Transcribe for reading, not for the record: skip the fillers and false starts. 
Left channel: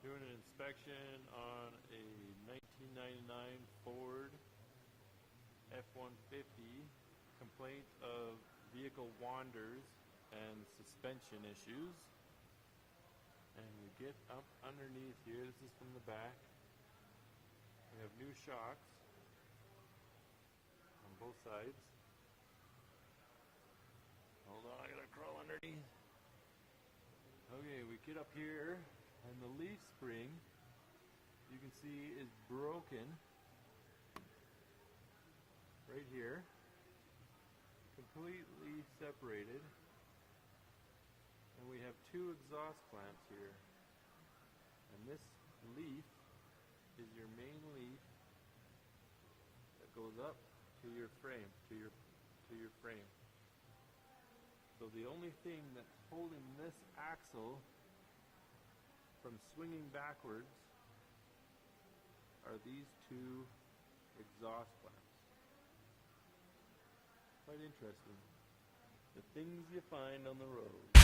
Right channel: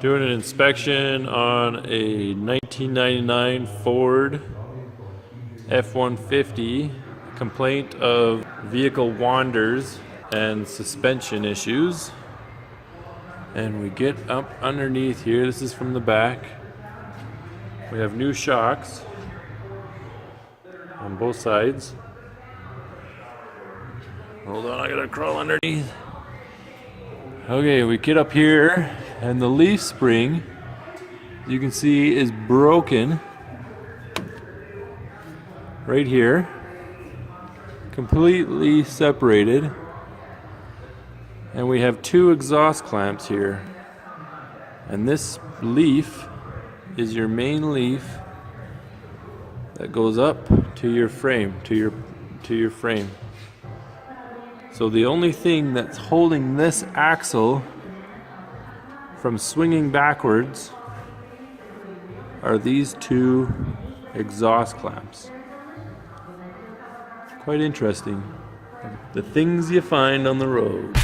Doing an inspection on a 1999 Ford F-150. Complaint of vehicle wanders and suspension issues. And we get up underneath here. This is from the back. We have new shocks on both sides. Hold on, I gotta crawl underneath. Okay, we get up here, and the leaf spring, you can see, is broken right here, completely separated, and we have two exhaust clamps here, and this leaf is your main leaf that goes up to your frame, to your frame. So the only thing that's holding this axle from swinging backwards are these two exhaust clamps. Quite interesting. The things you find on the road.